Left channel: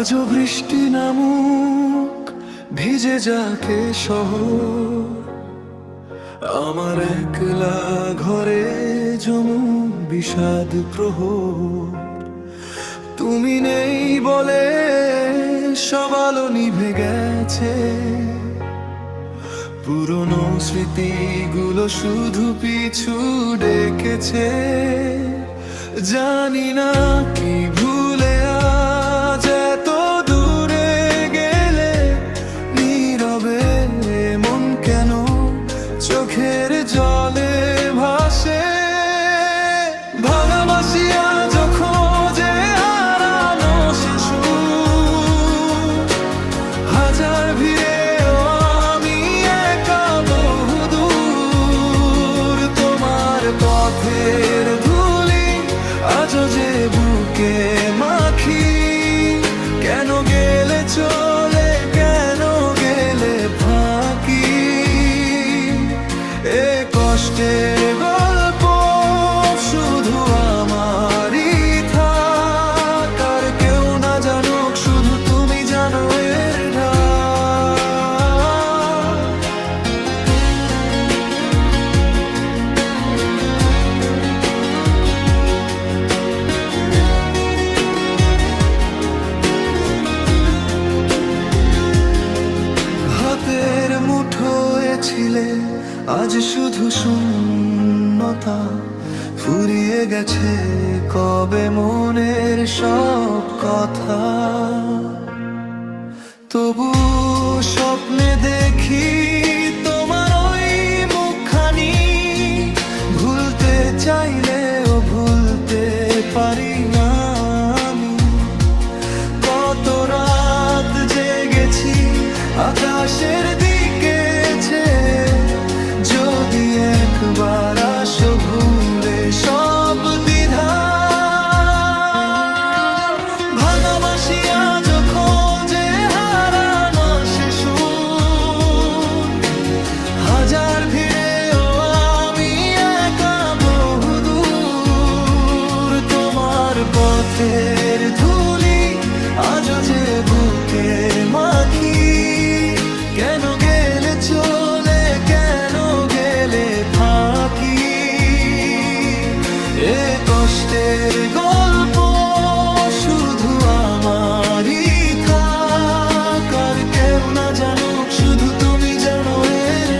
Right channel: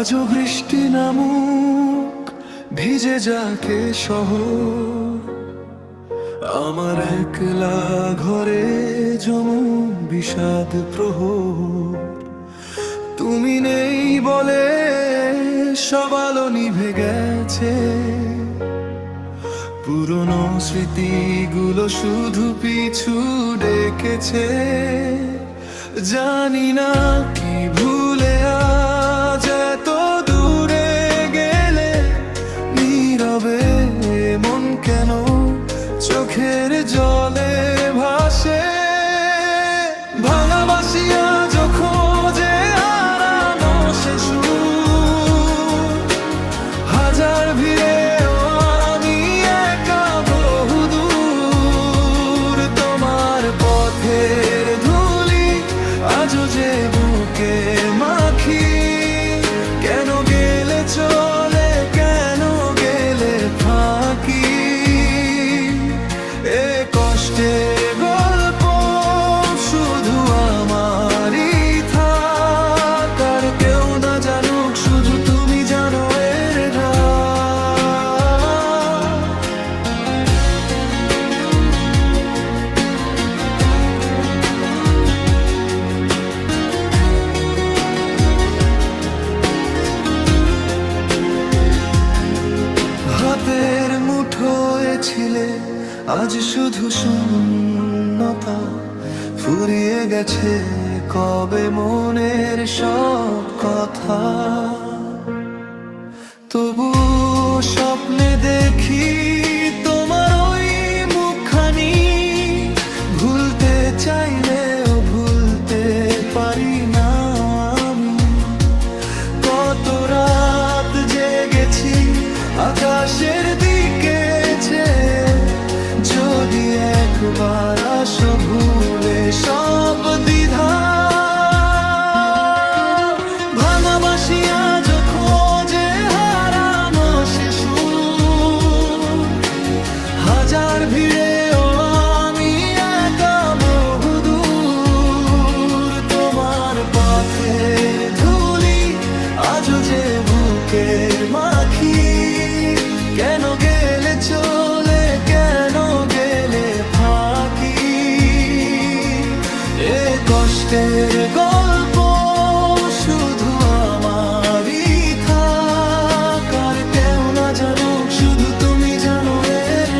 আজও বৃষ্টি নামুক ভিজে যাকে শহর, আমার একলা ঘরে জমুক বিষাদ প্রহর। তুমি নেই বলে সব আলো নিভে গেছে, পুরনো স্মৃতিগুলো শুধু পিছু ডেকেছে। জানি না কি ভুলে আজ এত দূরে গেলে, নীরবে মন কেন চোখের জলে ভাসে। ভাঙা বাসিয়া খোঁজে হারানো সে সুর, হাজার ভিড়ে আমি একা বহুদূর। তোমার পথের ধুলি আজও যে বুকে মাখি, কেন গেলে চলে কেন গেলে ফাঁকি। এ কষ্টের গল্প শুধু আমারই থাক, আর কেউ না জানুক, শুধু তুমি জানো এর হাতের মুঠোয় ছিলে আজ শুধু শূন্যতা, ফুরিয়ে গেছে কবে মনের সব কথা। তবু স্বপ্নে দেখি তোমার ওই মুখখানি, ভুলতে চাইলেও ভুলতে পারি না আমি। কত রাত জেগেছি আকাশের দিকে চেয়ে, যদি একবার আসো ভুলে সব দ্বিধা। ভাঙা বাসিয়া খোঁজে হারানো সে সুর, হাজার ভিড়েও আমি একা বহুদূর। তোমার পথের ধুলি আজও যে বুকে মাখি, কেন গেলে চলে কেন গেলে ফাঁকি। এ কষ্টের গল্প শুধু আমারই থাক, আর কেউ না জানুক, শুধু তুমি জানো এর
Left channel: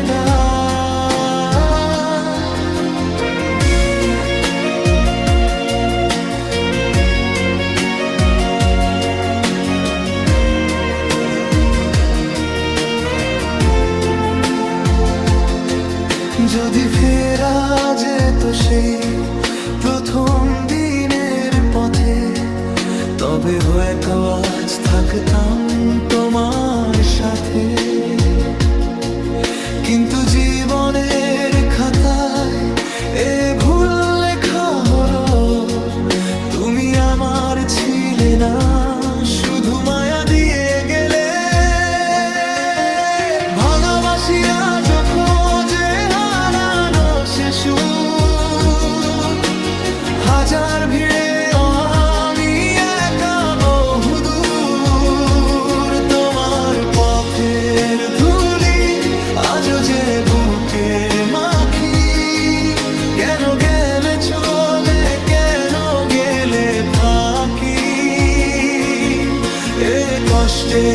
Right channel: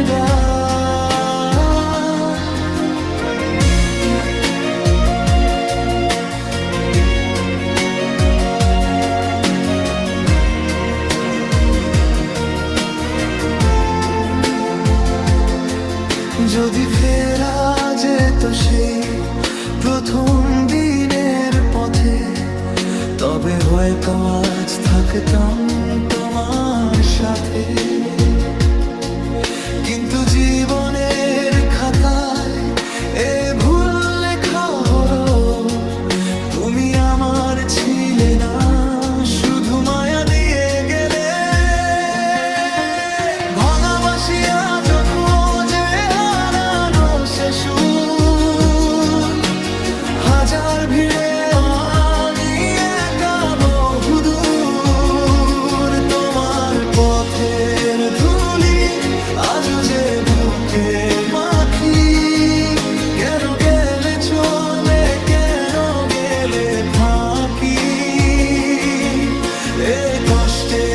যদি ফেরা যেত সেই প্রথম দিনের পথে, তবে হয়তো আজ থাকতাম তোমার সাথে। কিন্তু জীবনের খাতায় এ ভুল লেখা হলো, তুমি আমার ছিলে না, শুধু মায়া দিয়ে গেলে। ভাঙা বাসিয়া খোঁজে হারানো সে সুর, হাজার ভিড়ে আমি একা বহুদূর। তোমার পথের ধুলি আজও যে বুকে মাখি, কেন গেলে চলে কেন গেলে ফাঁকি। এ কষ্টে